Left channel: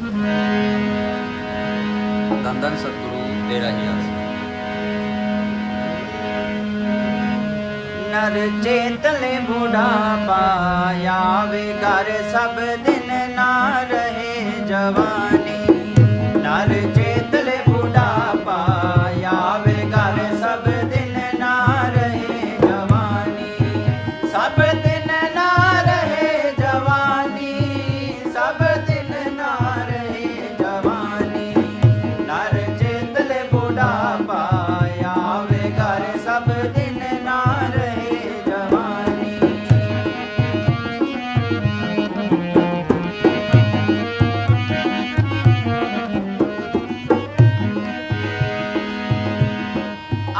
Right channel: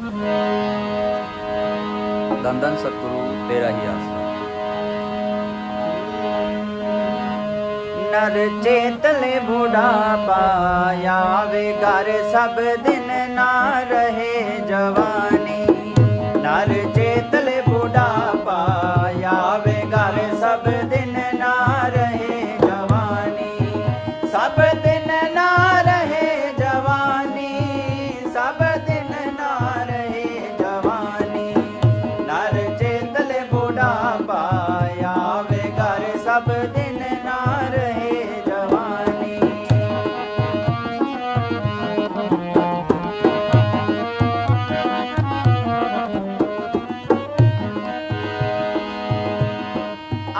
धन धन सतगुरु तेरा ही आस। नर चेतले बुढ़ापा आवे घर सब दिन ना रहे जवानी। नर चेतले बुढ़ापा आवे घर सब दिन ना रहे जवानी। सब दिन ना रहे जवानी, सब दिन ना रहे जवानी। नर चेतले बुढ़ापा आवे घर सब दिन ना रहे जवानी।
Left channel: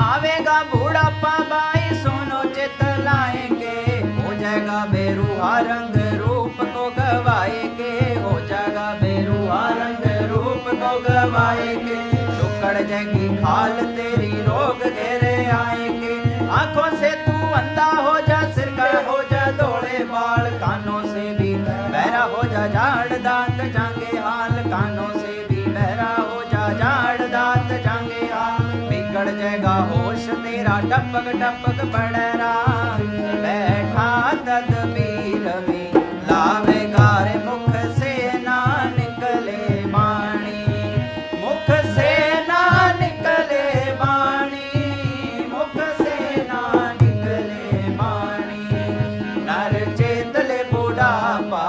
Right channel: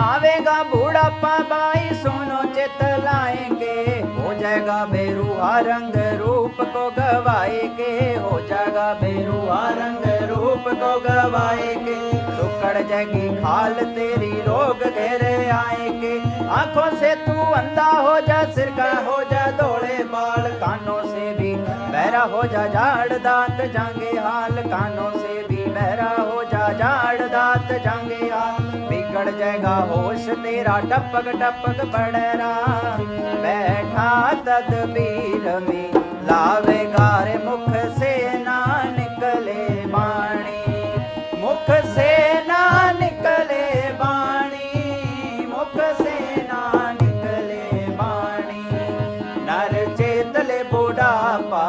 आवेगा बुढ़ापा बाई सुनो चित लाएंगे। हो जाएगा बेरुआ रंग रूप को गवाएंगे। हो जाएगा बेरुआ रंग रूप को गवाएंगे। सुखड़ जाएगी खाल तेरी रोग घेरे आएंगे। आंखों से तू अंधा हो जा, सिरकड़ हो जा धोले बाल। कानों से भी बहरा हो जा, झाड़ दांत जांगे हाल। कानों से भी बहरा हो जा, झाड़ दांत जांगे हाल। बिगड़ जाएगा होश तेरा टपक टपक पड़ेरा। बैठा तदबीर में लावेगा रे मुख से ना निकले वाणी। मुख से ना निकले वाणी, मुख से ना निकले वाणी। नर चेतले बुढ़ापा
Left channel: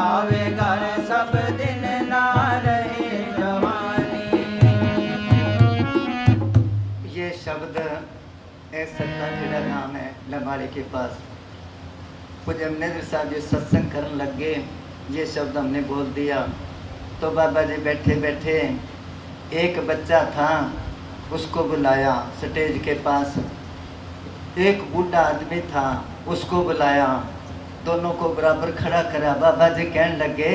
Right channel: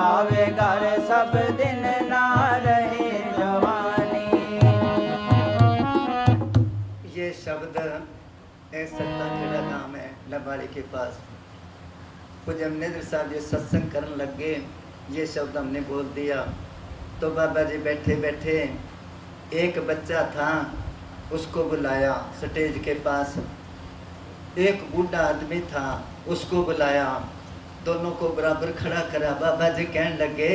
आवेगा रे सब दिन ना रहे जवानी। ये शब्द सत्ता खेड़ा नाम है लंबाड़े के पास। कुछ अमनेंद्र साहब ये सत्संग करने लग गए, ये शब्द हमने बोल दिया तो बाबा जी बैठे बैठे एक बच्चा था, उसको बुलाया स्टेज के पास। एक बूढ़ा आदमी था, उसको बुलाया। दोनों को बराबर खड़ा करा। बाबा जी कहने लगे,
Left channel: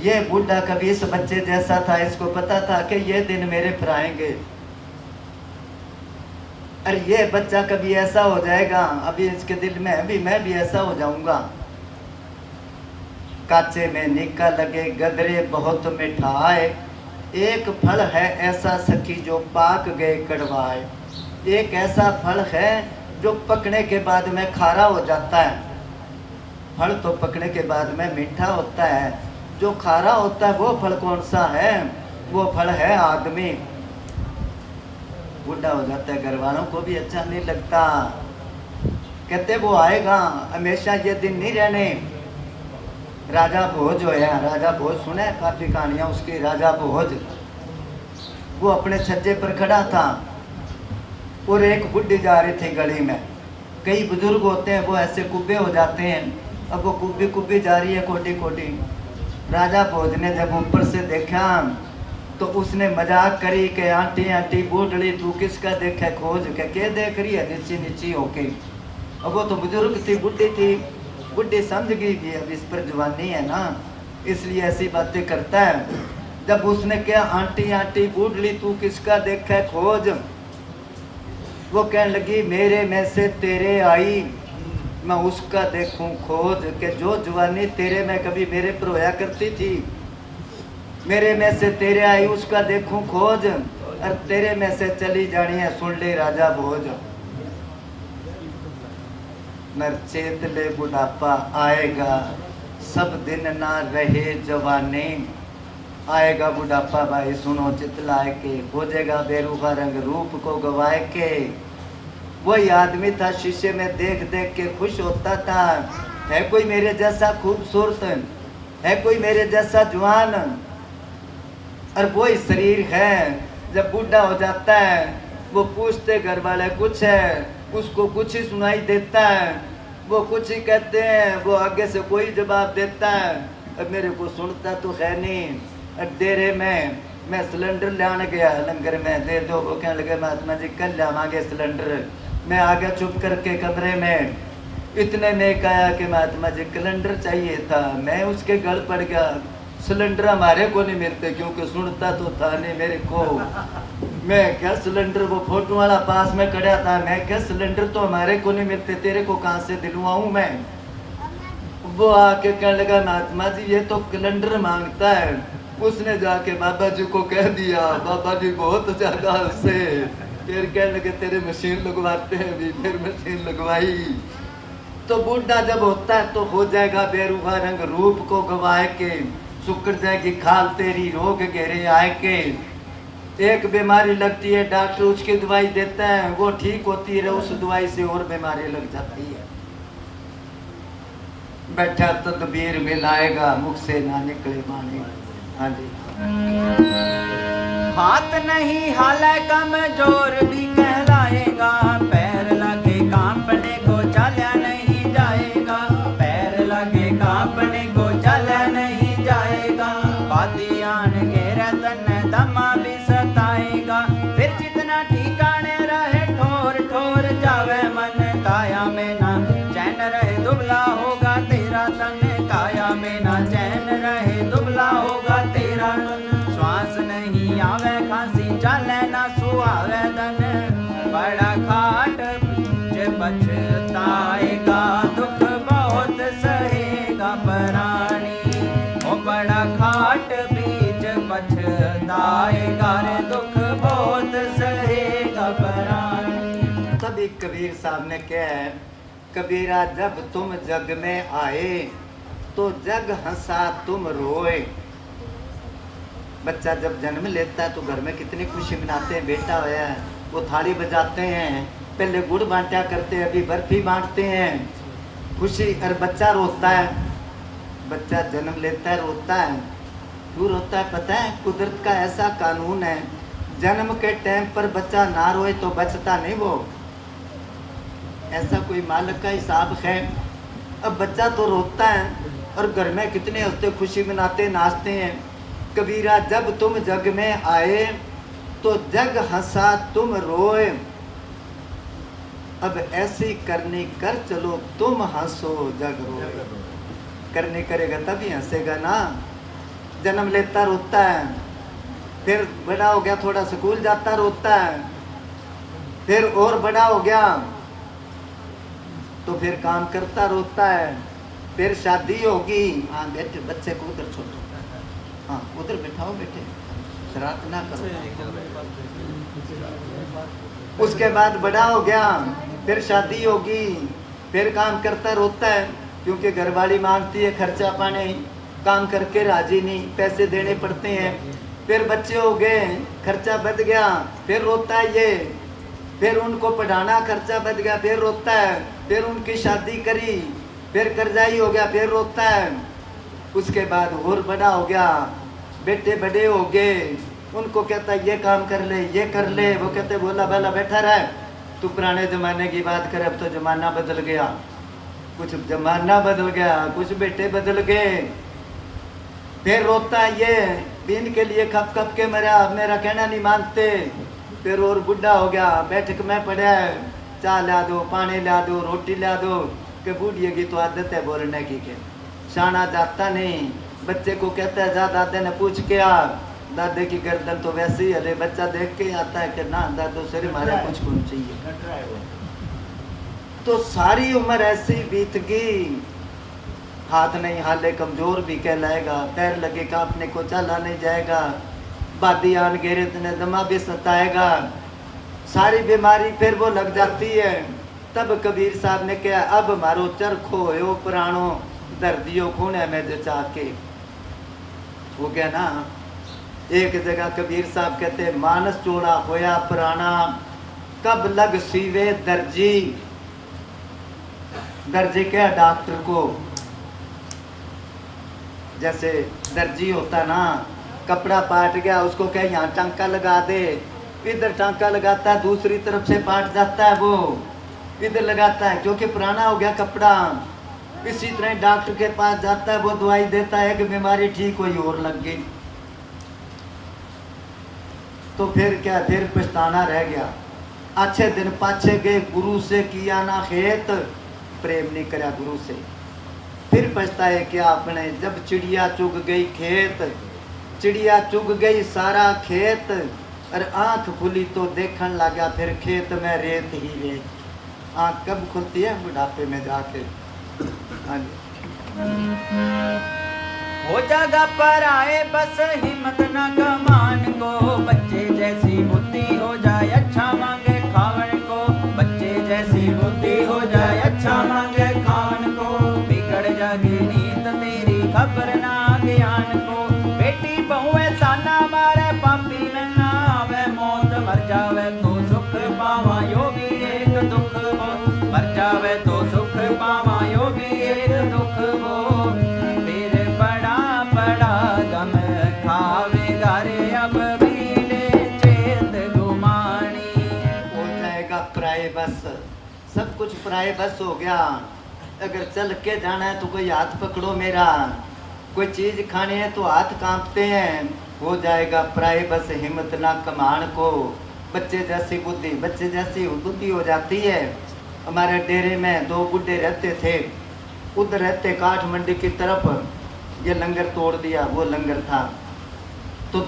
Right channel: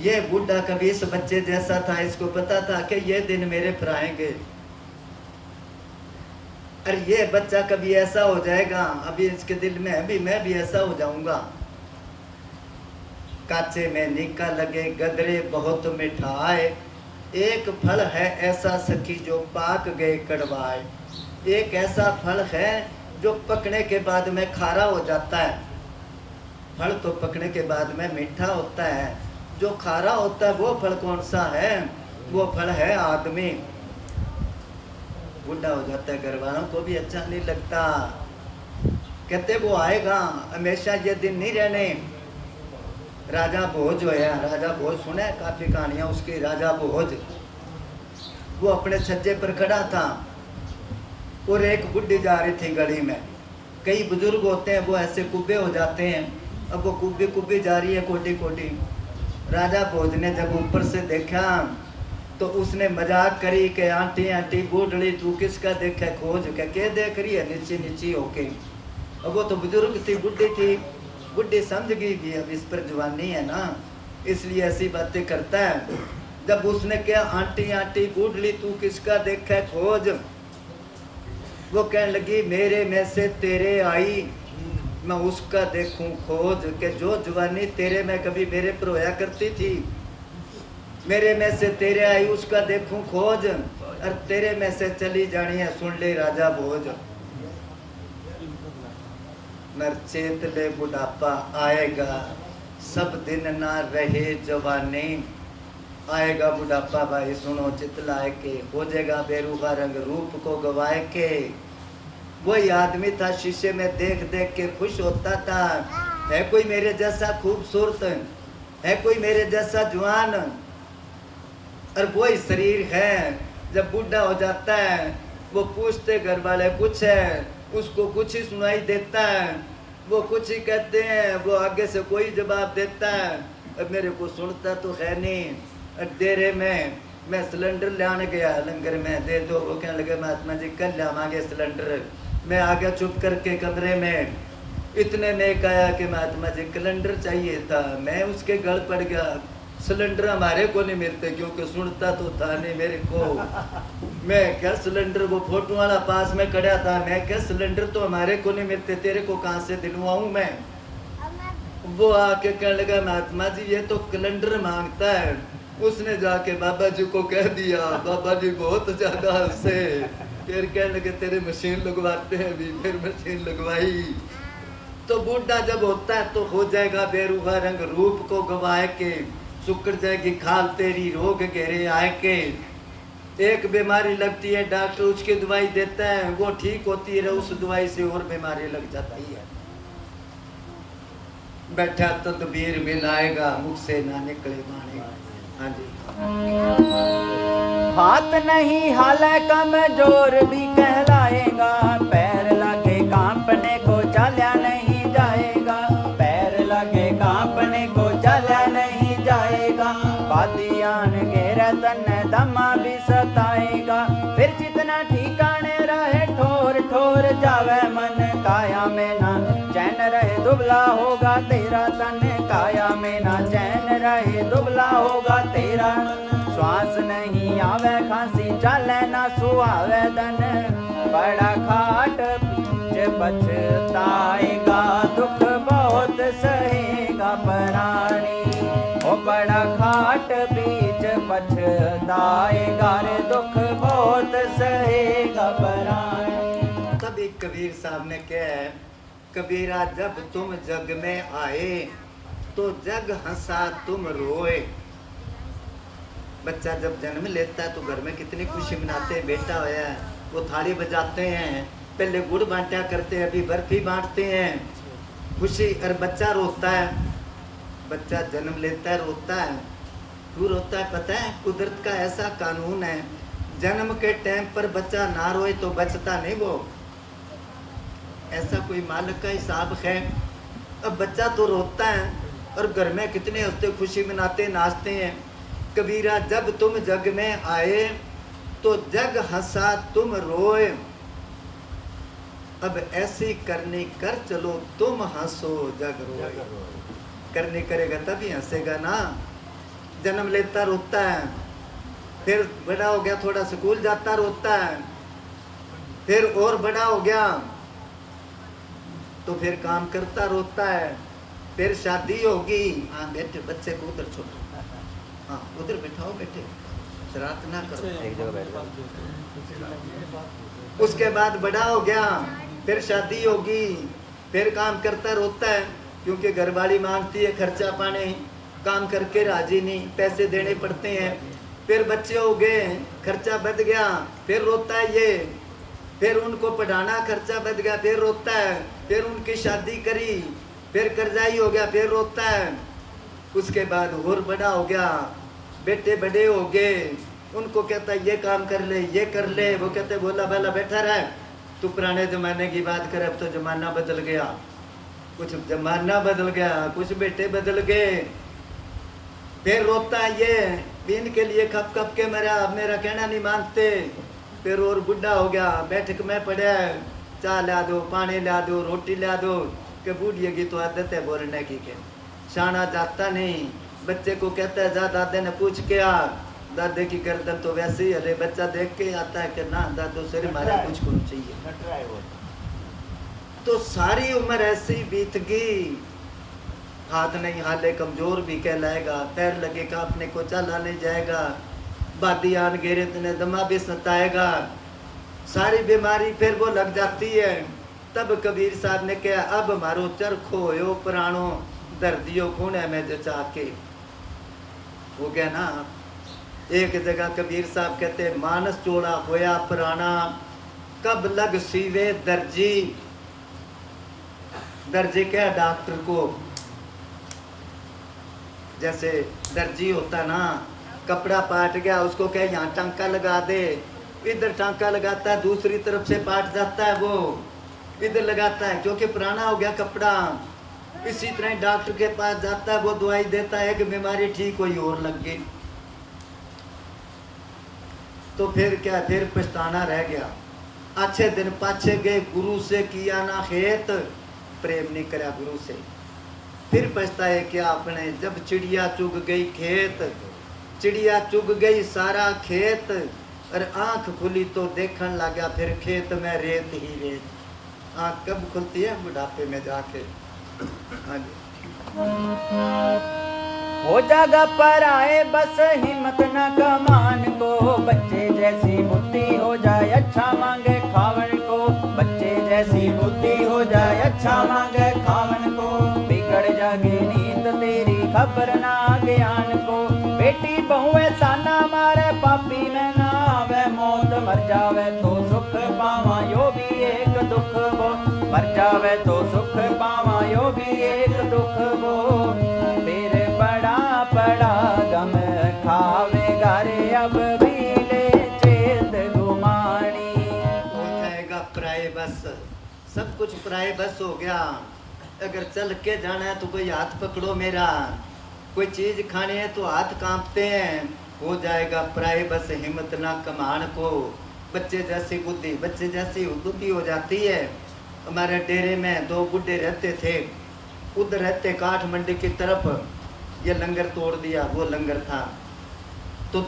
ये बूढ़ा कभी इस बच्चे जैसा था, इसको पता था कि ये दिन मेरे पर आएंगे। अरे ये बच्चा कभी ऐसा हो जाएगा, अभी इसके दिल में अभी मैं भी ऐसा हो जाऊंगा। काचे में निका लगे गदरे बहुत मिठाए। एक फल है ऐसा सखी जो पाक गए कड़वाए। एक ऐसा फल है जो पकने के बाद में खारा हो जाता है। फल तो पकने के बाद में मीठा होता है, जो खारा होता है वो फल कौन सा है? वो फल है आदमी। बूढ़ा हो जाता है, घर वालों को भी अच्छा नहीं लगता। कहते वो आएगा, हमेशा ये दिन नहीं रहने। राजा भोज होया, राजा भोज सुना है काफी कहानियां उसकी। राजा भोज वो अपने छज्जे पर खड़ा था और एक बुढ़ी जा रही थी गली में। कई बुजुर्ग होते हैं वो ऐसे कुब्बे हो जाते हैं, अब वो कुब्बी कुब्बी जा रही है कोटी कोटी। राजा भोज ने जब ऊपर से देखा तो उसने मजाक करी कि आंटी आंटी बूढ़ड़ी तू किसका देखा खोज के देख रही है नीची नीची होके। अब वो तो बुजुर्ग थी, बुढ़ी थी। बुढ़ी समझ गई कि अब इस पर जवानी है ना, इसलिए ऐसी बातें करता है। जब उसने क्या आंटी आंटी बूढ़ड़ी तू किसका देखा खोज, वो कहने लगी मेरे में से तेरे आई मैं उसका देखूं खोज। के जो जवानी तेरे में कभी मेरे पर होया करती थी, मेरे में से तेरे आई उसका देखूं खोज। और तेरे में से चली जानी है सुन ले राजा भोज। नर चेत ले बुढ़ापा आएगा सब दिन ना रहे जवानी। आएगा बुढ़ापा भाई सुनो चितलाए के, हो जाएगा बेरुखा रंग रूप को गवाए के। वही आदमी था शीशे में देख देख के खुश होता था, है कोई मेरे जैसा खूबसूरत, है कोई मेरे जैसा जवान। और वही शरीर है जब बूढ़ा हो जाता है वो पूछते घर वाले कुछ है, उसको कुछ ही सुनाई देता है, वो कुछ ही कहते हैं, वो आगे से कोई जवाब देता है। अब मेरे को सुनता तो है नहीं। डेरे में मैं सिलेंडर लाने गया, लंगर में दे दो, वो कहने लगे महात्मा जी कल लावांगे सिलेंडर। मैं आ गया चुप करके कमरे में, इतने में कहा कि महात्मा जी कैलेंडर चाहिए था। मैं उसके गल पड़ गया, सिलेंडर हमारे को नहीं मिलते क्योंकि सुनता तो था नहीं मेरे को। मैं क्या सिलेंडर, वो फोटो वाला पास में खड़ा था, मैं क्या सिलेंडर तो हमारे को नहीं मिलते, तेरे को कहाँ से दिलवाऊं मैं। वो आके कहने लगा महात्मा जी ये तो कैलेंडर मांगता है, उसने जाके बाबा जी को कह दिया, बाबा जी बहुत ज्यादा हंसे। फिर कहने लगे तेरे मशीन लगवाते हैं भी। फिर मशीन लगवाई। तो बूढ़ा जब होता है तो हो जाएगा बेरुखा रंग, रूप को गवाए के सुकड़ जाएगी खाल तेरी, रोग घेरे आए के। एक बीमारी लगती है, डॉक्टर उसकी दवाई देता है, वो ठीक होती है, उस दवाई से और बीमारी लग जाती है। बैठा तदबीर मिलाएगा, मुख से ना निकले माने। हाँ जी। बात नहीं हाल कमजोर भी कहलाएगा, पैर लगे कांपने को चला नहीं जाएगा, पैर लगे कांपने को चला नहीं जाएगा। बातियान घेरे तन दमा भी सताएगा, फिर जितना ठिकाने रहे ठोर ठोर जावे मन, काया में ना चैन रहे दुबला होगा तेरा तन, काया में ना चैन रहे दुबला होगा तेरा तन। श्वास नहीं आवे खांसी चले ना सुहावे तन, बड़ा खाट जे पछताएगा, दुख बहुत सहेगा प्राणी, ओ बड़ा खाट बीच पछताएगा रे, दुख बहुत सहेगा प्राणी। तभी कबीर साहब ने कहा है, कबीरा जब तुम जग में आए तो जग हंसा तुम रोए। बच्चा जब जन्म लेता है तो घर में कितनी खुशी मनाते हैं, बेटा होया है, वो थाली बजाते हैं, पहले गुड़ बांटा करते हैं, अभी बर्फी बांटते हैं, खुशी। और बच्चा रोता है, बच्चा जन्म लेता है रोता है, क्यों रोता है पता है? कुदरत का ऐसा कानून है, जन्म के टाइम पर बच्चा ना रोए तो बचता नहीं वो, ऐसा कोई मालिक का हिसाब है। अब बच्चा तो रोता है और घर में कितने हंसते खुशी मनाते नाचते हैं। कबीरा जब तुम जग में आए तो जग हंसा तुम रोए, अब ऐसी करनी कर चलो तुम हंसो जग रोए। करनी करेगा तभी हंसेगा ना। जन्म लेता रोता है, फिर बड़ा हो गया थोड़ा स्कूल जाता रोता है, फिर और बड़ा हो गया तो फिर काम करता रोता है, फिर शादी होगी, हाँ बैठे बच्चे को उधर छोड़ो, हाँ उधर बैठाओ बेटे, शरारत ना करो। उसके बाद बड़ा हो गया, फिर शादी होगी, फिर काम करता रोता है, क्योंकि घरवाली मांगती है खर्चा पानी, काम करके राजी नहीं, पैसे देने पड़ते हैं। फिर बच्चे हो गए, खर्चा बढ़ गया, फिर रोता है ये, फिर उनको पढ़ाना खर्चा बढ़ गया, फिर रोता है, फिर उनकी शादी करी, फिर कर्जाई हो गया, फिर रोता है। उसके बाद और बड़ा हो गया, बेटे बड़े हो गए, उनको कहता है ये काम कर ले ये कर ले, वो कहते बोला भला बैठा रहा, तू पुराने ज़माने की बात कर, अब तो ज़माना बदल गया, कुछ ज़माना बदल गया, कुछ बेटे बदल गए। फिर रोता है ये, दिन के लिए खप खप के मरा, अब मेरा कहना नहीं मानते। फिर और बुढ़ा हो गया, बैठक में पड़ा है, चाय ला दो, पानी ला दो, रोटी ला दो, कि बूढ़िए की तो आदत है बोलने की, के शाना जाता नहीं। बच्चे को कहता है जा दादे ने पूछ के आ, दादे की गर्दन तो वैसे ही हले, बच्चा देख के आता है कि ना दादो सिर मारे कुछ को चाहिए। तो सारी उम्र ऐसी बीत गई, हाथ नहीं हाले कमजोर भी कहलाएगा, पैर लगे कांपने को चला नहीं जाएगा, बादी आन घेरे तने दमा भी सताएगा, सारी बीमारी फिर वो लग जाती है। तब कबीर साहब ने कहा अब मारो चरखो हो पुराणो, दर्दियों खूने में जचा के। वो क्या ना, एक जगह कबीर साहब कहते मानस चोड़ा होया पुराना, कब लग सीवे दर्जी। दर्जी क्या डॉक्टर को, जैसे दर्जी होता ना, कपड़ा पाट गया उसको क्या यहाँ टांका लगा दे, इधर टांका लगाता है, दूसरी तरफ से पाट जाता है वो इधर लगाता है, क्योंकि पुराना हो गया कपड़ा। इसी तरह डॉक्टर के पास जाता है, वो दवाई देता है कि बीमारी ठीक हुई और लग गई, तो फिर क्या, फिर पछताना रह गया। अच्छे दिन पाछे गए, गुरु से किया ना खेत, प्रेम नहीं करा गुरु से, फिर पछताए क्या आपने, जब चिड़िया चुग गई खेत, चिड़िया चुग गई सारा खेत, और आंख खुली तो देखने लगा फिर खेत में रेत ही रेत। आंख कब खुलती है? बुढ़ापे में जाके। हाँ जी। हो जागा पर आए बस हिम्मत न कमान को, बच्चे जैसी बुद्धि हो जाए अच्छा मांगे खावन को, बच्चे जैसी बुद्धि हो जाए अच्छा मांगे खावन को, बिगड़ जागे नीत तेरी खबर ना ज्ञान को, बेटी बहुए ताना मारे पापी में ना आवे मौत, मर जावे तो सुख पावा यो भी एक दुख वो, मर जावे तो सुख पावा यो भी एक दुख वो, फिर बड़ा बड़ा गम खावेगा रे अब भी ले चेत गुमानी। हो जाएगा पराये बस, सब कुछ पराये बस हो गया। अगर चल के जाना है तो कोई हाथ पकड़ो मेरा, कोई चीज खानी है तो हाथ कांपते हैं। हो जाएगा पराये बस हिम्मत ना कमान को, बच्चे जैसी बुद्धि, बच्चे जैसी बुद्धि हो जाती है। हमारे डेरे में 2 बुढ़े रहते थे, उधर रहते काठ मंडी की तरफ, ये लंगर तोड़ दिया, वो लंगर था तो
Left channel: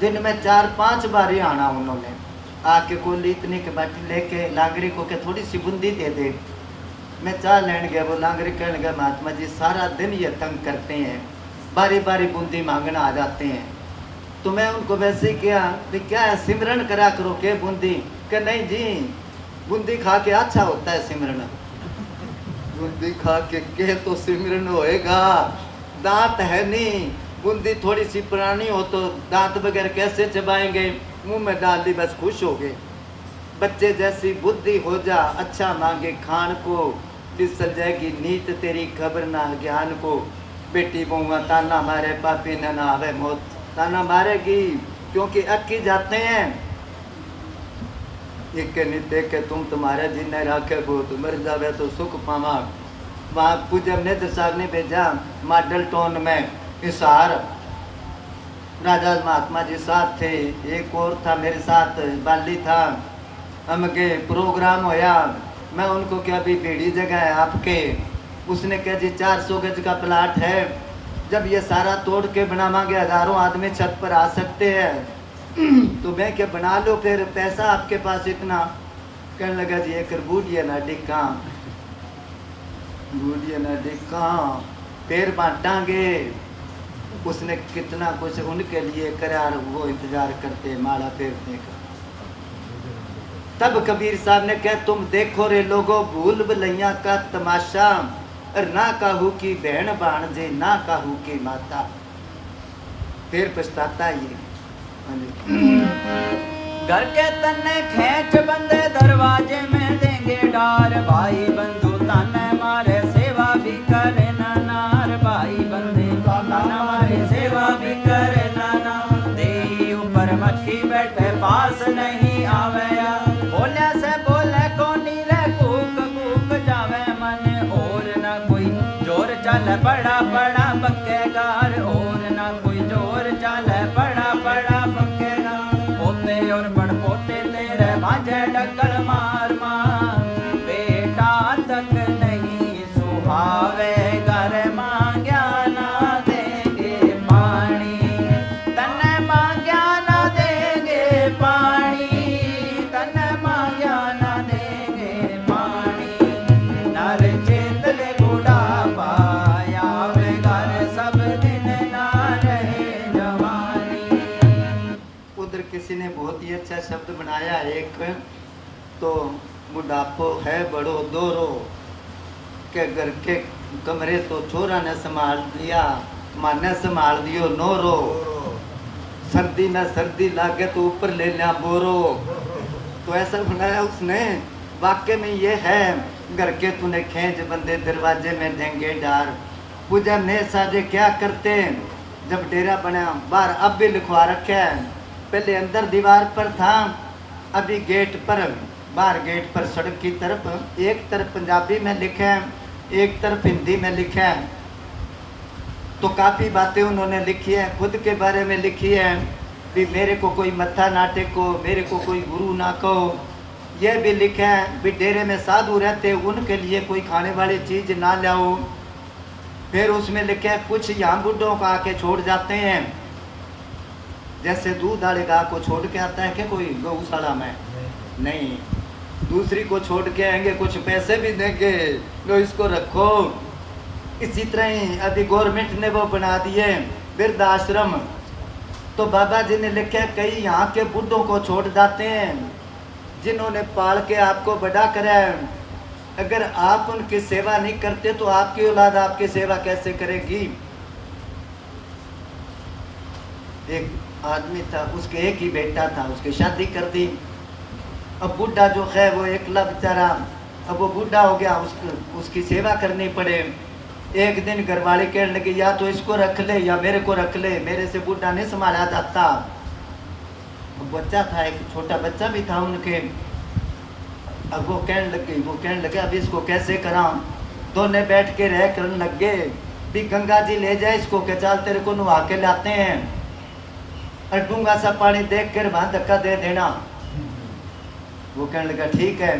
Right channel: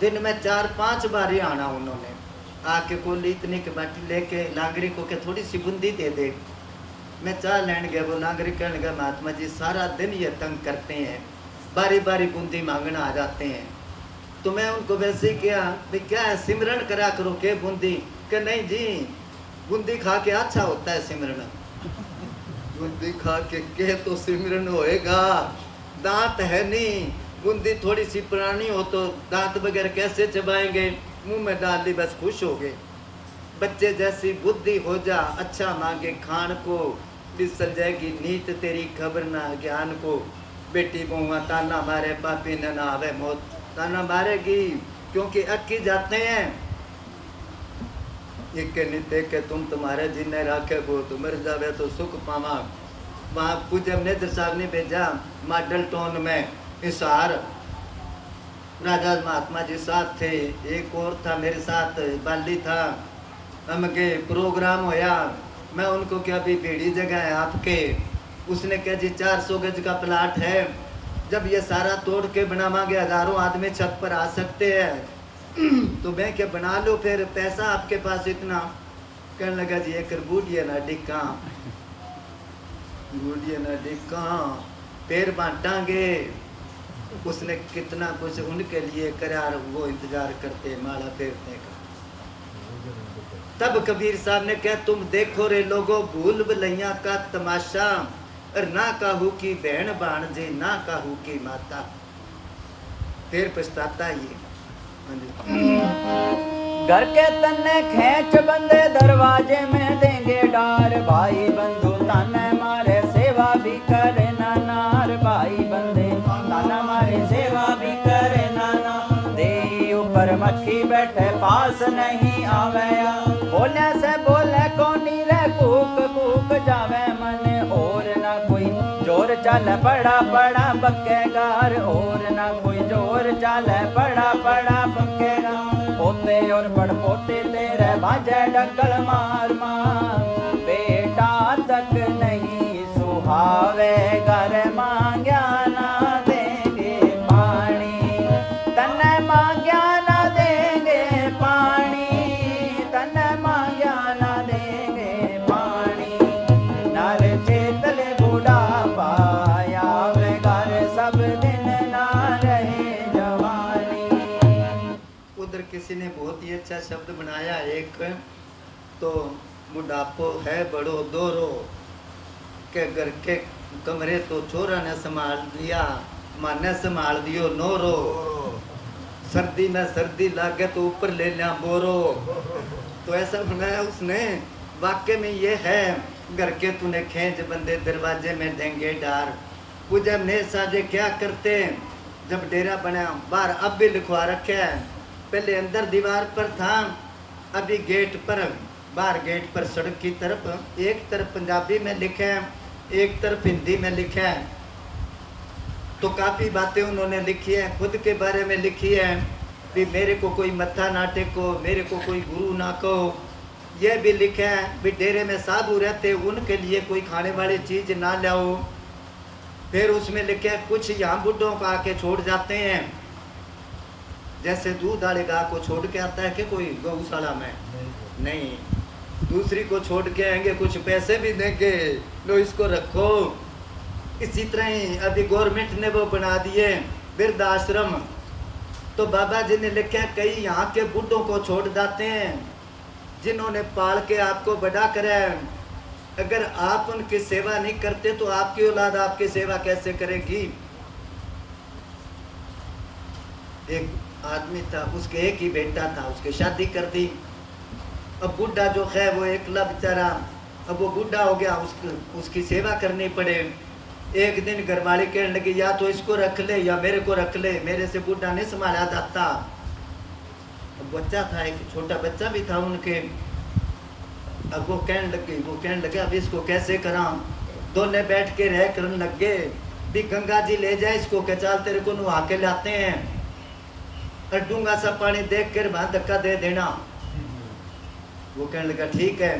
दिन में 4-5 बार ही आना उन्होंने, आके कोली इतनी के बाटी लेके लांगरी को के थोड़ी सी बूंदी दे दे। मैं चाय लेने गया, वो लांगरी कहने लगा महात्मा जी सारा दिन ये तंग करते हैं, बारी बारी बूंदी मांगना आ जाते हैं। तो मैं उनको वैसे ही किया भी क्या है सिमरन करा करो के बूंदी, कि नहीं जी बूंदी खा के अच्छा होता है सिमरन। बूंदी खा के तो सिमरन होएगा, दांत है नहीं, बूंदी थोड़ी सी पुरानी हो तो दांत बगैर कैसे चबाएंगे, मुंह में डाल दी बस खुश हो गए। बच्चे जैसी बुद्धि हो जा अच्छा मांगे खान को, फिसल जाएगी नीत तेरी खबर ना ज्ञान को, बेटी बहुआ ताना मारे पापी न ना आवे मौत, ताना मारेगी क्योंकि अक्की जाते हैं। एक नित्य के तुम तुम्हारे जिन्हें राखे गो, तो मर जावे तो सुख पावा। वहाँ पूज्य नेत्र साहब ने भेजा मॉडल टाउन में हिसार, राजा महात्मा जी साथ थे, एक और था मेरे साथ बाली था, हम के प्रोग्राम होया। मैं उनको क्या भी भीड़ी जगह है आपके, उसने कहा जी 400 गज का प्लाट है, जब ये सारा तोड़ के बनावांगे 1000 आदमी छत पर आ सकते हैं तो मैं क्या बना लो फिर, पैसा आपके पास इतना। कहने लगा जी एक बूढ़िया ना डिक्का, बूढ़िया ना डिक्का पैर बांटांगे। उसने कितना कुछ उनके लिए करा, वो इंतजार करते माला फेरने का। तब कबीर साहब ने कहा तुम देखो रे लोगों भूल भुलैया का तमाशा, और ना काहू की बहन भाणजे ना काहू की माता, फिर पछताता ये। हाँ जी। घर के तन्ने खेच बंदे दरवाजे में देंगे डार, भाई बंधु ताने मारे सेवा भी करे ना नार, भाई बंदे ताने मारे सेवा भी करे ना नार, दे ऊपर मक्खी बैठे पास नहीं आवे, बोले से बोले कोनी रे कूक कूक जावे मन, और ना कोई जोर चल बड़ा बड़ा बक्केगार, और ना कोई जोर चल बड़ा बड़ा बक्केगार, होते और बड़ पोते तेरे बाजे डगल मार मार, बेटा तक नहीं सुहावे घर मांग्या ना देंगे पानी, तन्ने मांग्या ना देंगे पानी, तन्ने मांग्या ना देंगे पानी, नर चेत ले बुढ़ापा आवे घर सब दिन ना रहे जवानी। उधर किसी ने बहुत ही अच्छा शब्द बनाया एक, तो बुढ़ापो है बड़ो दोरो, के घर के कमरे तो छोरा ने संभाल लिया, माने संभाल दियो नोरो, सर्दी में सर्दी लागे तो ऊपर ले लिया बोरो। तो ऐसा बनाया उसने, वाक्य में ये है घर के तूने खेच बंदे दरवाजे में देंगे डार। पूजा ने साजे क्या करते हैं, जब डेरा बना बाहर अब भी लिखवा रखा है, पहले अंदर दीवार पर था, अभी गेट पर, बाहर गेट पर सड़क की तरफ एक तरफ पंजाबी में लिखा है, एक तरफ हिंदी में लिखा है। तो काफ़ी बातें उन्होंने लिखी है, खुद के बारे में लिखी है भी मेरे को कोई मत्था ना टेको, मेरे को कोई गुरु ना कहो। यह भी लिखा है भी डेरे में साधु रहते उनके लिए कोई खाने वाली चीज़ ना लाओ। फिर उसमें लिखा है कुछ यहाँ बुढ़ों को आके छोड़ जाते हैं, जैसे दूध वाले गाय को छोड़ के आता है कि कोई गौशाला में, नहीं, दूसरी को छोड़ के आएंगे, कुछ पैसे भी देंगे, लो इसको रखो। इसी तरह ही अभी गवर्नमेंट ने वो बना दिए वृद्धाश्रम। तो बाबा जी ने लिखा कई यहाँ के बूढ़ों को छोड़ जाते हैं जिन्होंने पाल के आपको बड़ा करा है। अगर आप उनकी सेवा नहीं करते तो आपकी औलाद आपकी सेवा कैसे करेगी। एक आदमी था, उसके एक ही बेटा था, उसकी शादी कर दी। अब बूढ़ा जो है वो एकला बेचारा, अब वो बूढ़ा हो गया, उसकी सेवा करनी पड़े। एक दिन घरवाली कहने लगी या तो इसको रख ले या मेरे को रख ले, मेरे से बूढ़ा नहीं संभाला जाता। अब बच्चा था, एक छोटा बच्चा भी था उनके। अब वो कहने लगे अब इसको कैसे करा। दोनों बैठ के रह करने लग गए भी गंगा जी ले जाए इसको के चाल तेरे को नुहा के लाते हैं, और डूंगा सा पानी देख कर वहां धक्का दे देना। वो कहने लगा ठीक है।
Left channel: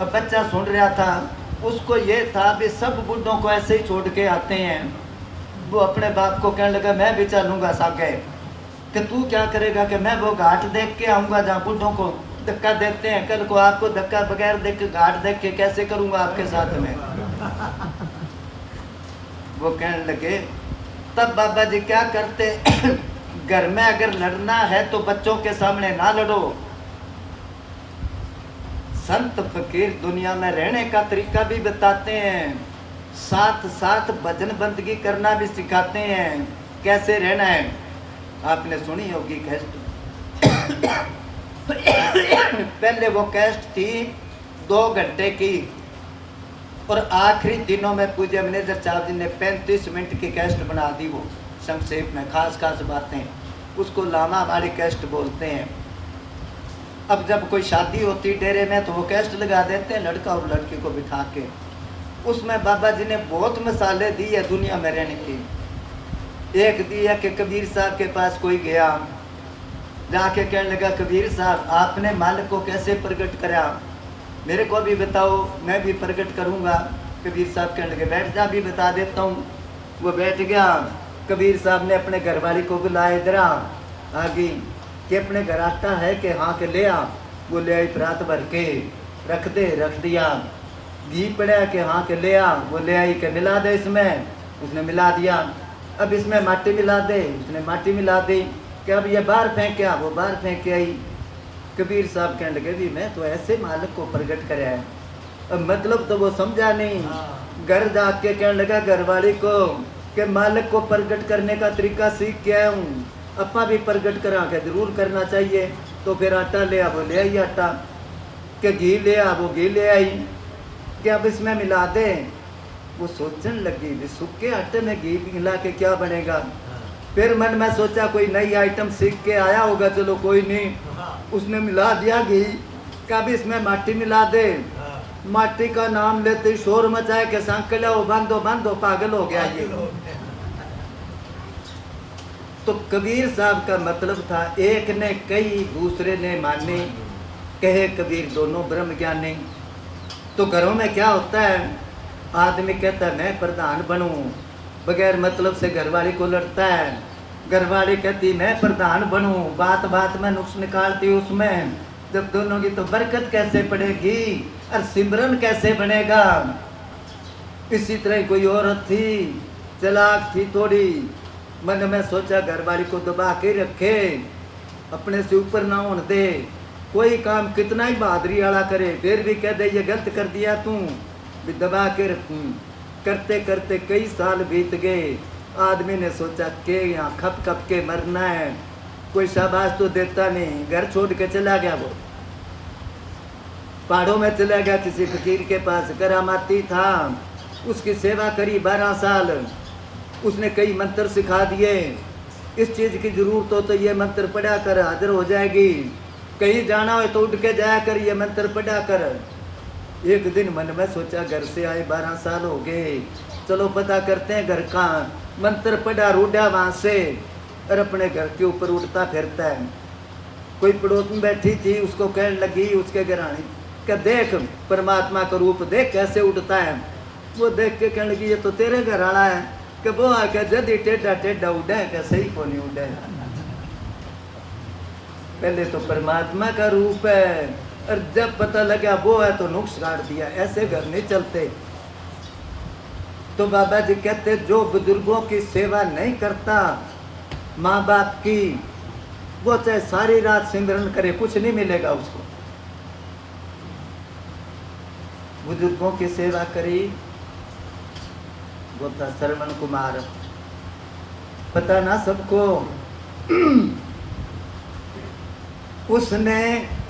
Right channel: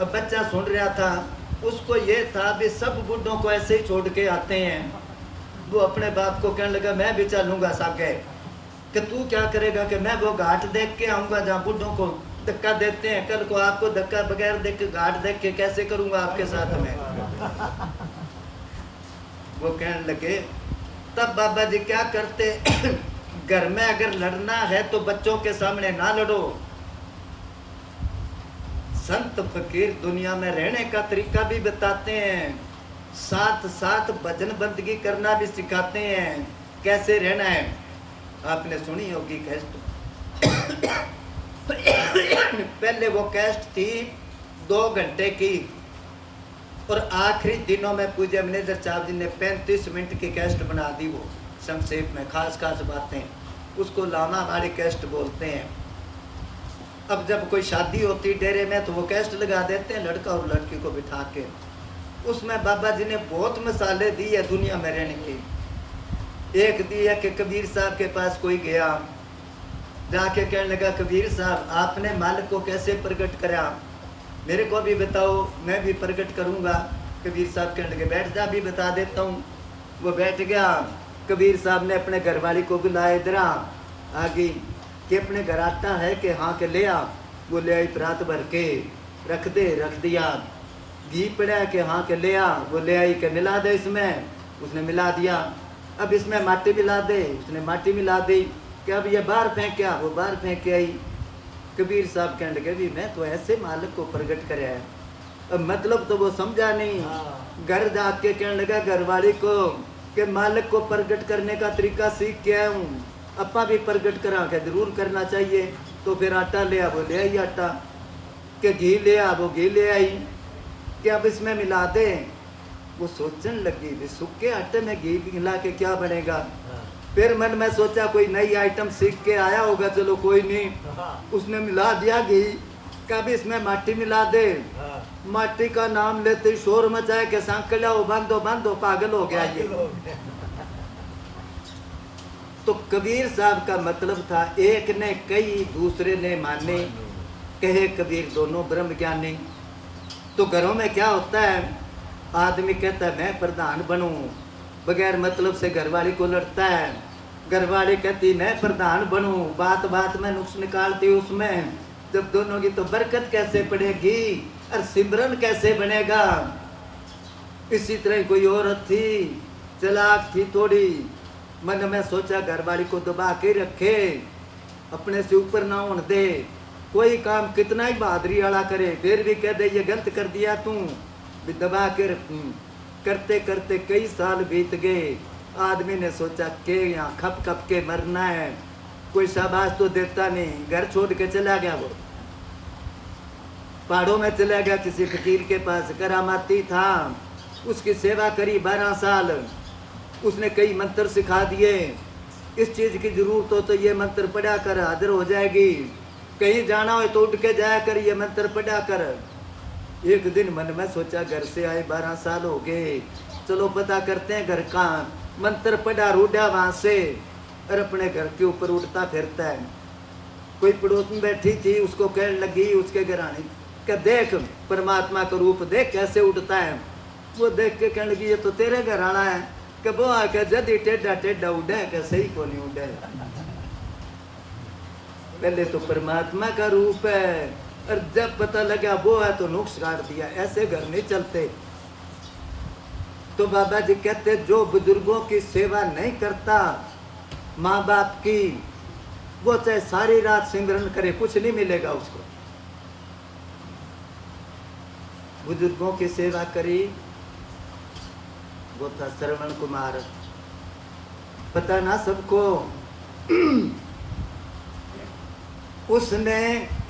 अब बच्चा सुन रहा था, उसको ये था भी सब बुढ़ों को ऐसे ही छोड़ के आते हैं। वो अपने बाप को कहने लगा मैं भी चलूँगा सागे। कि तू क्या करेगा। कि मैं वो घाट देख के आऊँगा जहाँ बुढ़ों को धक्का देते हैं, कल को आपको धक्का बगैर देख के घाट देख के कैसे करूँगा आपके साथ में। वो कहने लगे तब बाबा जी क्या करते घर में अगर लड़ना है तो बच्चों के सामने ना लड़ो। संत फकीर दुनिया में रहने का तरीका भी बताते हैं, साथ साथ भजन बंदगी करना भी सिखाते हैं, कैसे रहना है। आपने सुनी होगी कैस्ट। पहले वो कैस्ट थी 2 घंटे की, और आखिरी दिनों में पूज्य मैनेजर साहब जी ने 35 मिनट की कैस्ट बना दी। वो संक्षेप में खास खास बातें, उसको लामा वाली कैस्ट बोलते हैं। अब जब कोई शादी होती डेरे में तो वो कैस्ट लगा देते हैं लड़का और लड़की को बिठा के। उसमें बाबा जी ने बहुत मिसालें दी है दुनिया में रहने की। एक दी है कि कबीर साहब के पास कोई गया, जाके कहने लगा कबीर साहब आपने मालिक को कैसे प्रकट करा, मेरे को भी बताओ मैं भी प्रकट करूँगा। कबीर साहब कहने लगे बैठ जा, भी बता देता हूँ। वो बैठ गया। कबीर साहब ने अपने घरवाली को बुलाया, इधर आ गई कि अपने घर आटा है कि हाँ के ले आ। वो ले आई, प्रात भर के रख दिया। घी पड़ा कि हाँ के ले आ, वो ले आई कि मिला दे इसमें, उसने मिला दिया। अब इसमें माटी मिला दे, उसने माटी मिला दी। कि अब ये बाहर फेंक, वो बाहर फेंक के आई। कबीर साहब कहने लगे भी मैं तो ऐसे मालिक को प्रकट कराया है। अब मतलब तो वो समझा नहीं। घर जाके कहने लगा घरवाली को कि मालिक को प्रकट करने का तरीका सीख के आया हूँ, अपा भी प्रकट करा के जरूर करना चाहिए। तो फिर आटा ले आ, वो ले आई आटा। कि घी ले आ, वो घी ले आई। कि अब इसमें मिला दे। वो सोचने लगी भी सूखे आटे में घी मिला के क्या बनेगा। फिर मन में सोचा कोई नई आइटम सीख के आया होगा, चलो कोई नहीं। उसने मिला दिया घी। कब इसमें माटी मिला दे। माटी का नाम लेते ही शोर मचाए कि सांकला हो बांधो बांधो, पागल हो गया ये। तो कबीर साहब का मतलब था एक ने कई दूसरे ने माने, कहे कबीर दोनों ब्रह्म ज्ञानी। तो घरों में क्या होता है, आदमी कहता है मैं प्रधान बनूं, बगैर मतलब से घरवाली को लड़ता है। घरवाली कहती मैं प्रधान बनूं, बात बात में नुक्स निकालती उसमें। जब दोनों की तो बरकत कैसे पड़ेगी और सिमरन कैसे बनेगा। इसी तरह कोई औरत थी, चालाक थी थोड़ी, मन में सोचा घरवाली को दबा के रखे, अपने से ऊपर ना होने दे। कोई काम कितना ही बहादुरी वाला करे फिर भी कह दे ये गलत कर दिया तू, भी दबा के रखूं। करते करते कई साल बीत गए। आदमी ने सोचा कि यहाँ खप खप के मरना है, कोई शाबाश तो देता नहीं। घर छोड़ के चला गया, वो पहाड़ों में चला गया किसी फकीर के पास। करामाती था, उसकी सेवा करी 12 साल। उसने कई मंत्र सिखा दिए, इस चीज़ की जरूरत हो तो ये मंत्र पढ़ा कर हाजिर हो जाएगी, कहीं जाना हो तो उठ के जाया कर ये मंत्र पढ़ा कर। एक दिन मन में सोचा घर से आए 12 साल हो गए, चलो पता करते हैं घर कहाँ। मंत्र पढ़ा, रूढ़ा वहाँ से, और अपने घर के ऊपर उड़ता फिरता है। कोई पड़ोस में बैठी थी, उसको कहने लगी उसके घरानी का देख परमात्मा का रूप देख कैसे उड़ता है। वो देख के कहने लगी ये तो तेरे घर आना है। कि वो आके जदी टेढ़ा टेढ़ा उड़े क्या सही को नहीं उड़े। पहले तो परमात्मा का रूप है, और जब पता लगा वो है तो नुक्स काट दिया। ऐसे घर नहीं चलते। तो तो बाबा जी कहते जो बुजुर्गों की सेवा नहीं करता माँ बाप की, वो चाहे सारी रात सिमरन करे कुछ नहीं मिलेगा उसको। बुजुर्गों की सेवा करी, वो था श्रवण कुमार। पता ना सबको उसने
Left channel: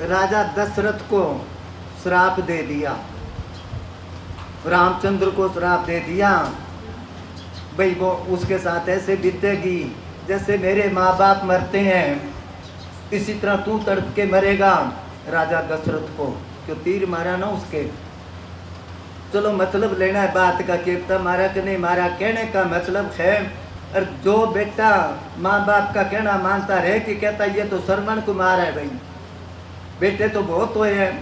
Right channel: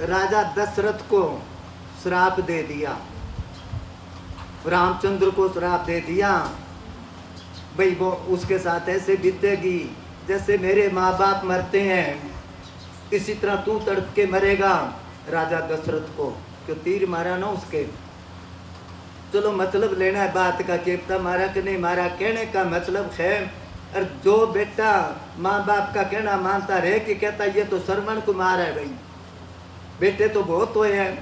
राजा दशरथ को श्राप दे दिया, रामचंद्र को श्राप दे दिया, भाई वो उसके साथ ऐसे बीतेगी जैसे मेरे माँ बाप मरते हैं, इसी तरह तू तड़प के मरेगा। राजा दशरथ को क्यों तीर मारा ना उसके। चलो मतलब लेना है बात का, कितना मारा कि नहीं मारा, कहने का मतलब है और जो बेटा माँ बाप का कहना मानता रहे कि कहता ये तो श्रवण कुमार है, भाई बेटे तो बहुत हुए हैं,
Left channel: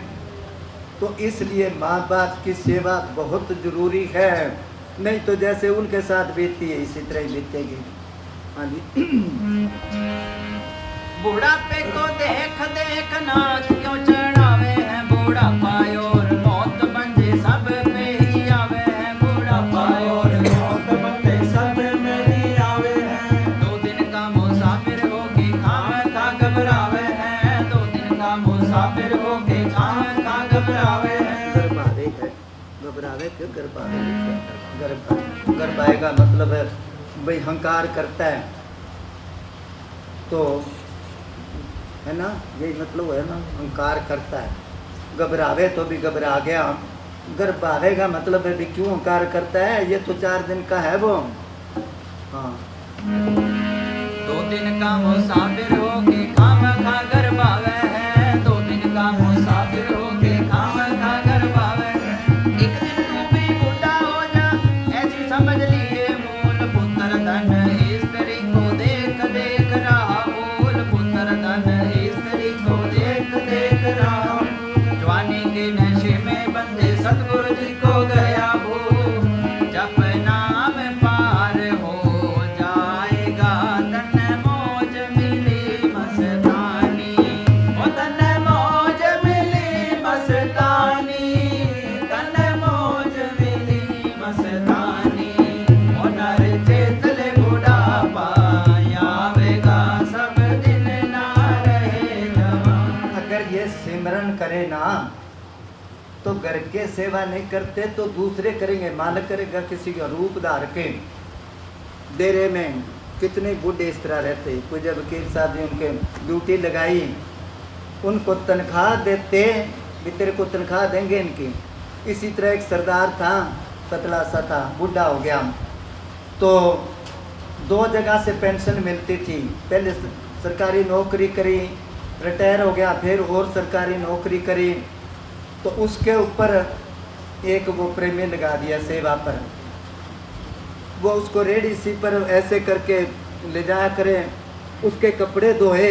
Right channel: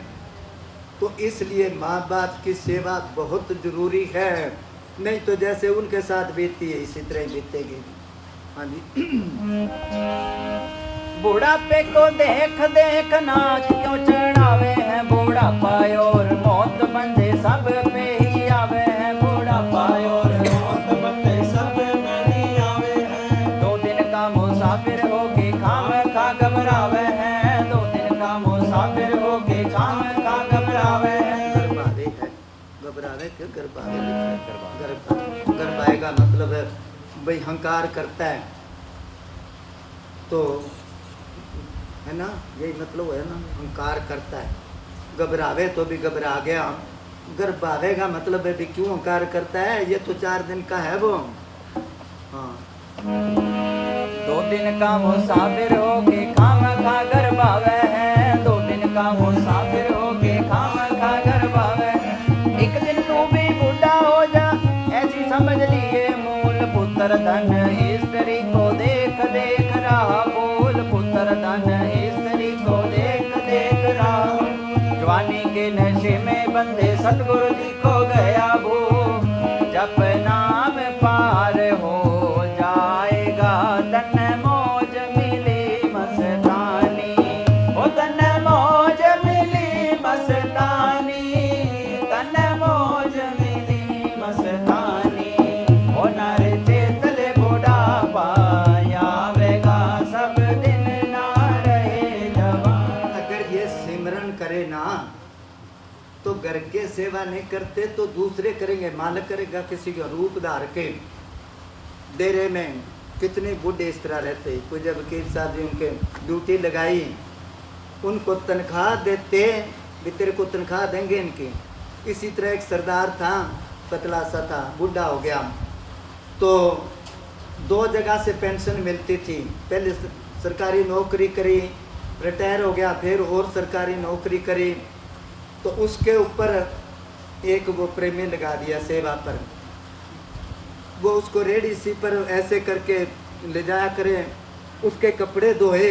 तो इसलिए माँ बाप की सेवा बहुत जरूरी है, नहीं तो जैसे उनके साथ बीतती है इसी तरह ही बीतेगी। हाँ जी। बुढ़ापे को देख देख नाथ क्यों चढ़ावे हैं, बुढ़ापा और मौत बंधे सब पे ही आवे हैं, बुढ़ापा और मौत बंधे सब में ही आवे हैं। 2 दिन का मुसाफिर होके खाम खा घबरावे हैं, 2 दिन का मुसाफिर होके खाम खा घबरावे हैं। गर्भावे है, घबरावे क्यों, गर्भावे लिखा है। गर्भावे का मतलब है भाई हंकार करता है, तो है ना, यही मतलब है ना, अहंकार करता है। घबरावे तो भी घबरा गया, गर्भावे का मतलब है भी क्यों अहंकार करता है, ये तो 4 दिन का है वो। हाँ 2 दिन का मुसाफिर होके खाम खा घबरावे हैं, 2 दिन का मुसाफिर होके खाम खा घबरावे हैं। एक दिन तू भी बूढ़ा हो जा ऐसी समझ लिए, मूल पुत्र धन स्त्री को देख देख रहा, मूल पुत्र धन स्त्री को देख देख रहा। जवानी के नशे में बंदे सतगुरु जी को गया वो, जब नाम पार हो जाएगा तन मौज मिली मस्तानी, ओ तन मौज मिली मस्तानी, तन मौज मिली मस्तानी। ओ नर चेतले बुढ़ापा आवेगा सब दिन ना रहे जवान। अगर ये सिमरन करे ना तो घर के सेवा नहीं करते तो दूसरे करेंगे, मालिक करेगा किसी का रूप धार के। डेरे में कितने बूढ़े इस तरह रहते, कोई जब वकील साहब जी उनके ड्यूटी लगाई, उनको तनख्वाह देते भी तेरे को तनख्वाह देंगे इनकी। इसी तरह एक सरदार था, पतला सा था, बूढ़ा हो गया, तो 2 जगह से पेंशन मिलती थी। पहले सरकारी नौकरी करी, रिटायर हो गया, फिर और सरकारी नौकरी करी, तो उसके ऊपर एक वो प्रेमी लगा दिया सेवा पर। वो उसको रेडी सी पर ऐसे करके ले जाया करे, उसके कपड़े धोए,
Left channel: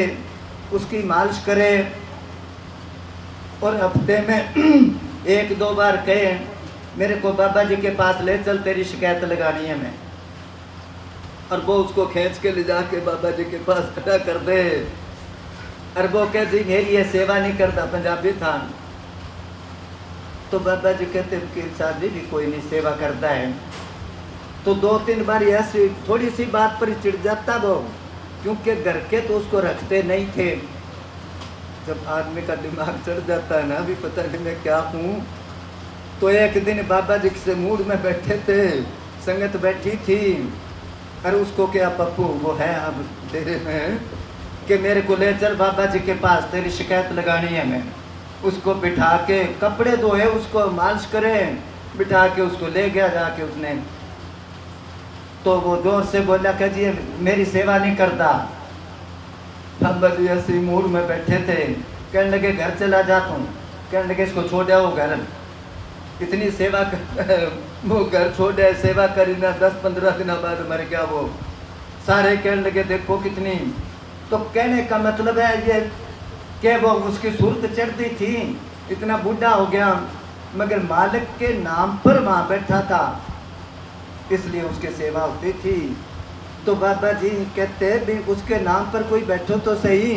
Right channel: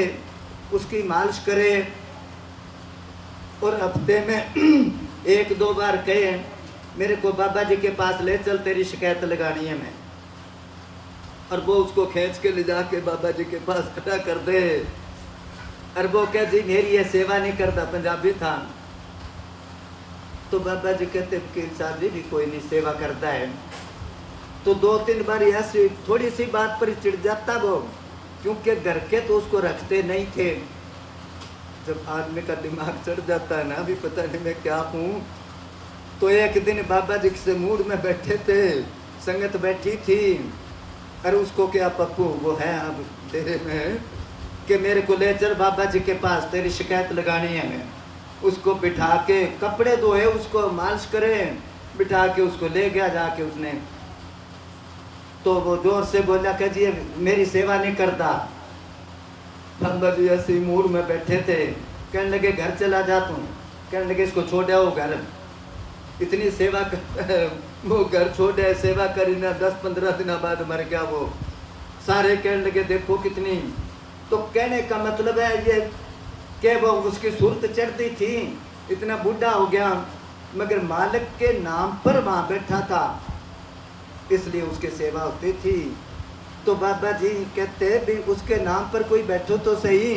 उसकी मालिश करे, और हफ्ते में 1-2 बार कहे मेरे को बाबा जी के पास ले चल, तेरी शिकायत लगानी है मैं। और वो उसको खींच के ले जाके बाबा जी के पास खड़ा कर दे, और वो कह जी मेरी ये सेवा नहीं करता, पंजाबी था। तो बाबा जी कहते वकील साहब जी भी कोई नहीं सेवा करता है। तो 2-3 बार ऐसी थोड़ी सी बात पर चिढ़ जाता वो, क्योंकि घर के तो उसको रखते नहीं थे। जब आदमी का दिमाग चढ़ जाता है ना, भी पता नहीं मैं क्या हूँ। तो एक दिन बाबा जी से मूड में बैठे थे, संगत बैठी थी, और उसको क्या पप्पू वो है अब डेरे में कि मेरे को ले चल बाबा जी के पास, तेरी शिकायत लगानी है मैं। उसको बिठा के कपड़े धोए, उसको मालिश करे, बिठा के उसको ले गया जाके उसने। तो वो जोर से बोला कि जी मेरी सेवा नहीं करता। बाबा जी ऐसे मूड में बैठे थे, कहने लगे घर चला जा तू, कहने लगे इसको छोड़ आओ घर, इतनी सेवा कर, वो घर छोड़े सेवा करी ना, 10-15 दिन बाद मर गया वो। सारे कहने लगे देखो कितनी। तो कहने का मतलब है ये कि वो उसकी सूरत चढ़ती थी, इतना बूढ़ा हो गया मगर मालिक के नाम पर वहाँ बैठा था, इसलिए उसकी सेवा होती थी। तो बाबा जी कहते भी उसके नाम पर कोई बैठो तो सही।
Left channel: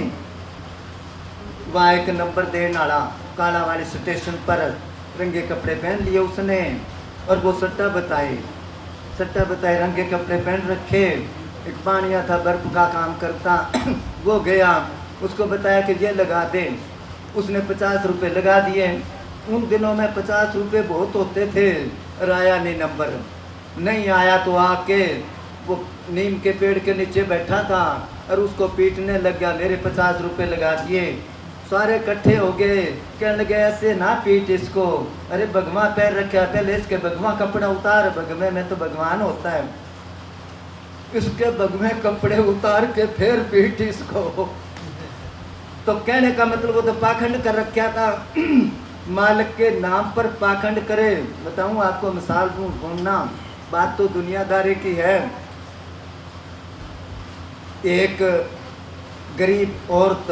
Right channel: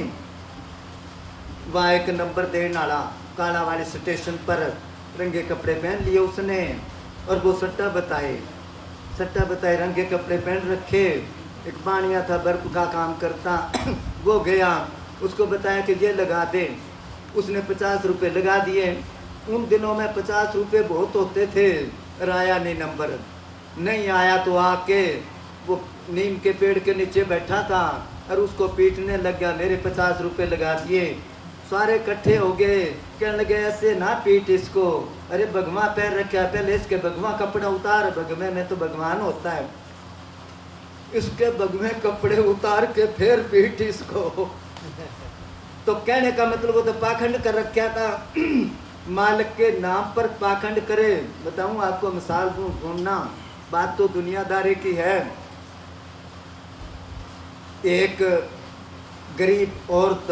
वहाँ एक नंबर देने वाला काला वाले स्टेशन पर रंगे कपड़े पहन लिए उसने, और वो सट्टा बताए सट्टा बताए, रंगे कपड़े पहन रखे, एक पानिया था बर्फ का काम करता वो गया, उसको बताया कि ये लगा दे, उसने 50 रुपये लगा दिए। उन दिनों में 50 रुपये बहुत होते थे, और आया नहीं नंबर, नहीं आया तो आके वो नीम के पेड़ के नीचे बैठा था और उसको पीटने लग गया, मेरे 50 रुपये लगा दिए। सारे इकट्ठे हो गए, कहने लगे ऐसे ना पीट इसको, अरे भगवा पैर रखा, पहले इसके भगवा कपड़ा उतार, भगवे में तो भगवान होता है, इसके भगवे कपड़े उतार के फिर पीट इसको। तो कहने का मतलब वो तो पाखंड कर रखा था, मालिक के नाम पर पाखंड करे। बताऊं आपको, मिसाल दूं, घूमना, बात तो दुनियादारी की है। एक गरीब औरत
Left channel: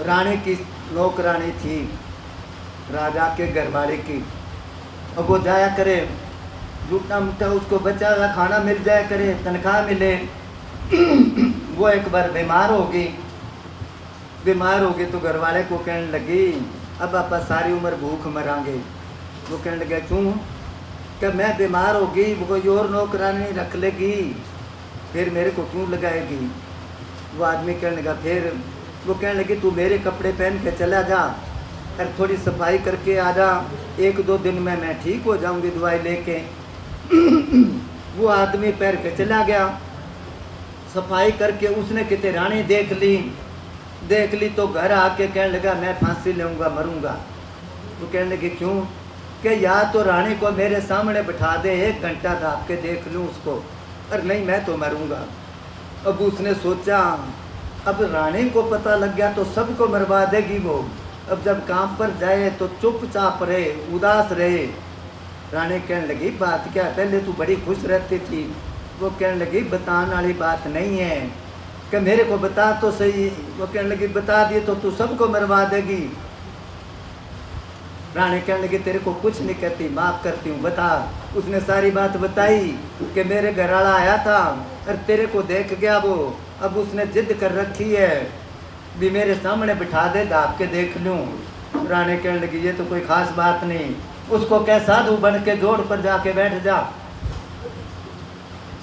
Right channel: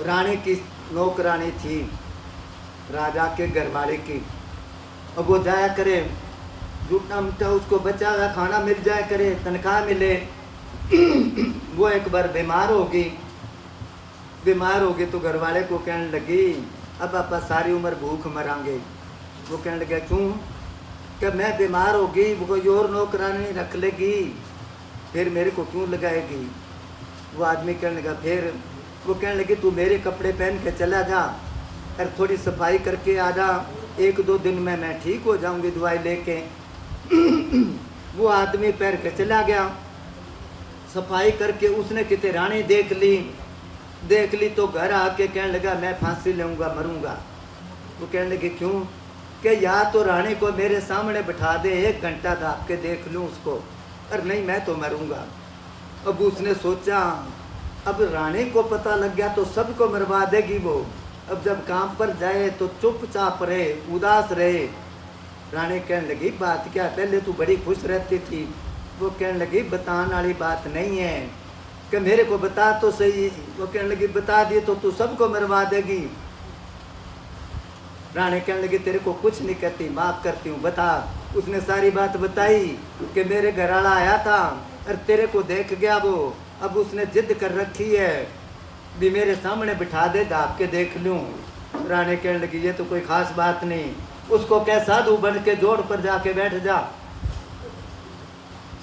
रानी की नौकरानी थी, राजा के घरवाले की। अब वो जाया करे, झूठा मूठा उसको बचा हुआ खाना मिल जाया करे, तनख्वाह मिले। वो एक बार बीमार होगी तो घरवाले को कहने लगी, अब आप सारी उम्र भूख मरांगे। वो कहने लगे क्यों? कि मैं बीमार होगी, वो कोई और नौकरानी रख लेगी, फिर मेरे को क्यों लगाएगी? वो आदमी कहने लगा फिर? वो कहने लगी तू मेरे कपड़े पहन के चला जा और थोड़ी सफाई करके आ जा, 1-2 दिन में मैं ठीक हो जाऊंगी दवाई लेके। वो आदमी पैर के चला गया, सफाई करके उसने कितने रानी देख ली तो घर आके कहने लगा मैं फांसी लूँगा, मरूंगा। वो कहने लगे क्यों? कि या तो रानी को मेरे सामने बिठा दे, 1 घंटा दाब के देख लूँ उसको, और नहीं मैं तो मरूंगा। अब उसने सोचा अब रानी को पता लग गया तो सबको मरवा देगी वो, अब जब काम पर जाए तो चुपचाप रहे, उदास रहे। रानी कहने लगी बात क्या, पहले तू बड़ी खुश रहती थी। वो कहने लगी बताने वाली बात नहीं है, कि मेरे को बता तो सही। वो कहने लगी बता दिए तो तू सबको मरवा देगी। रानी कहने लगी तेरे को कुछ नहीं कहती, माफ़ करती हूँ, बता। उसने सारी बात बताई कि मेरे घर वाला आया था और तेरे को देख गया वो, अब उसने जिद कर रखी है भी मेरे सामने बिठा दे, दाब के देख लूँ। रानी कहने लगी ये तो कोई खास बात नहीं, उसको क्या साधु बन के जोड़ पर जाके बैठ जा,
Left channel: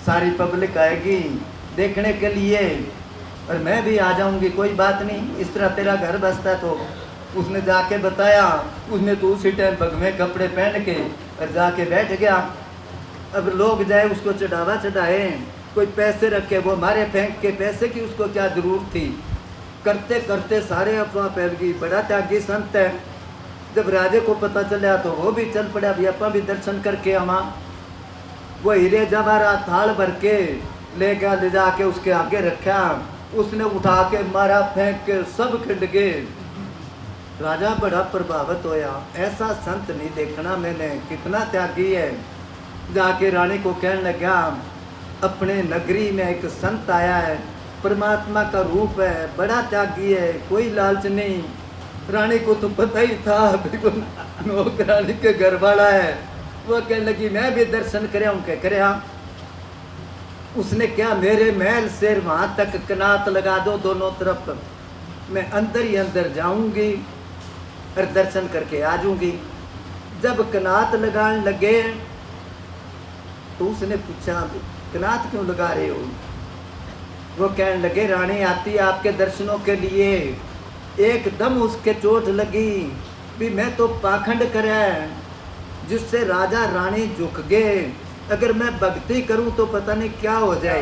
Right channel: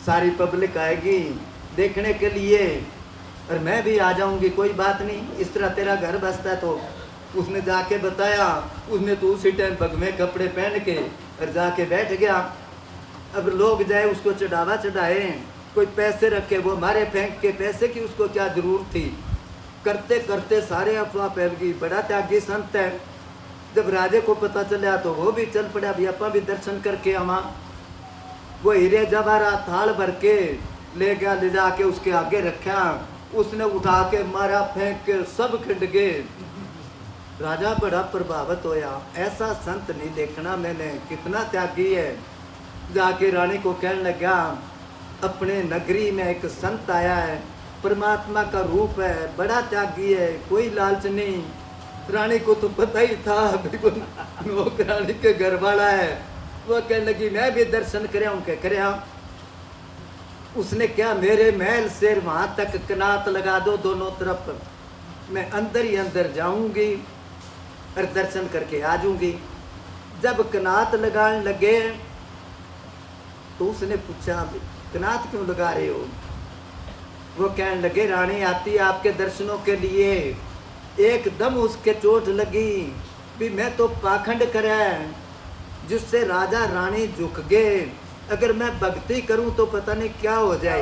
सारी पब्लिक आएगी देखने के लिए और मैं भी आ जाऊंगी, कोई बात नहीं, इस तरह तेरा घर बसता। तो उसने जाके बताया, उसने तो उसी टाइम भगवे कपड़े पहन के और जाके बैठ गया। अब लोग जाए उसको चढ़ावा चढ़ाए, कोई पैसे रखे वो मारे फेंक के, पैसे की उसको क्या जरूरत थी। करते करते सारे अफवाह फैल गई, बड़ा त्यागी संत है। जब राजे को पता चला तो वो भी चल पड़ा, भी अपा भी दर्शन करके आवा। वो हीरे जवाहरात थाल भर के ले गया, ले जाके उसके आगे रखा, उसने उठा के मारा फेंक के सब खिंड गए। राजा बड़ा प्रभावित होया, ऐसा संत नहीं देखना मैंने, कितना त्यागी है। जाके रानी को कहने लगा अपने नगरी में एक संत आया है, परमात्मा का रूप है, बड़ा त्यागी है, कोई लालच नहीं। रानी को तो पता ही था बिल्कुल नौकरानी के घर वाला है। वो कहने लगी मैं भी दर्शन करे। उसने क्या, मेरे महल से वहाँ तक कनात लगा दो दोनों तरफ, मैं अंदर ही अंदर जाऊंगी और दर्शन करके आ जाऊंगी। जब कनात लगाने लगे तो उसने पूछा कनात क्यों लगा रहे हो? वो कहने लगे रानी आती आपके दर्शनों के लिए, एकदम उसके चोट लगी भी मैं तो पाखंड करे जिससे राजा रानी झुक गए, अगर मैं भक्ति करूं तो पता नहीं क्या हो जाए।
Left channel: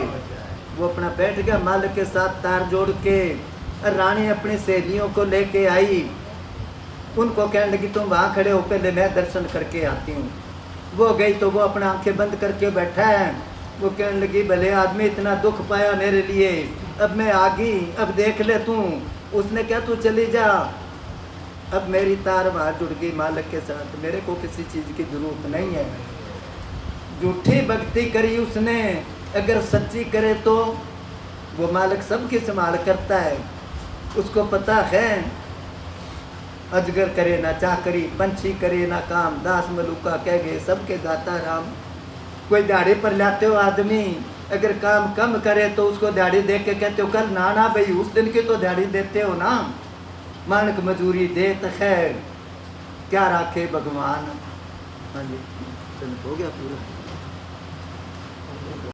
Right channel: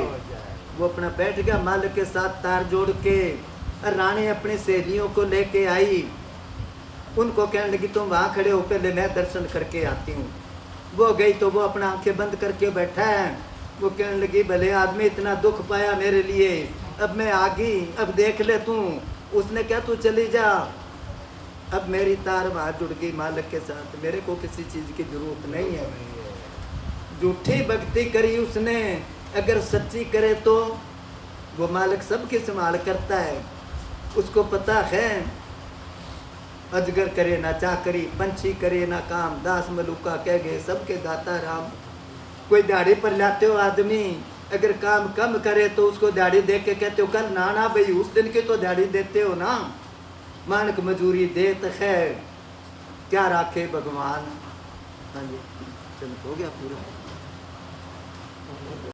वो अपना बैठ गया मालिक के साथ तार जोड़ के, और रानी अपनी सहेलियों को लेके आई, उनको कहने लगी तुम वहाँ खड़े हो, पहले मैं दर्शन करके आती हूँ। वो गई तो वो अपना आंखें बंद करके बैठा है। वो कहने लगी भले आदमी इतना दुख पाया मेरे लिए, अब मैं आ गई, अब देख ले तू। उसने क्या तू चली जा, अब मेरी तार वहाँ जुड़ गई मालिक के साथ, मेरे को किसी चीज़ की जरूरत नहीं है। झूठी भक्ति करी उसने, अगर सच्ची करे तो वो मालिक सबकी संभाल करता है। उसको पता है अजगर करे ना चाकरी, पंछी करे ना काम, दास मलुका कह गए सबके दाता राम। कोई दाढ़ी पर लाते हो आदमी, अगर काम कम करे तो उसको दाढ़ी देख के कहते हो कल ना भाई उस दिन की तो दाढ़ी देते हो ना, मानक मजूरी देत है, क्या राखे भगवान। हाँ जी, चलो हो गया पूरा।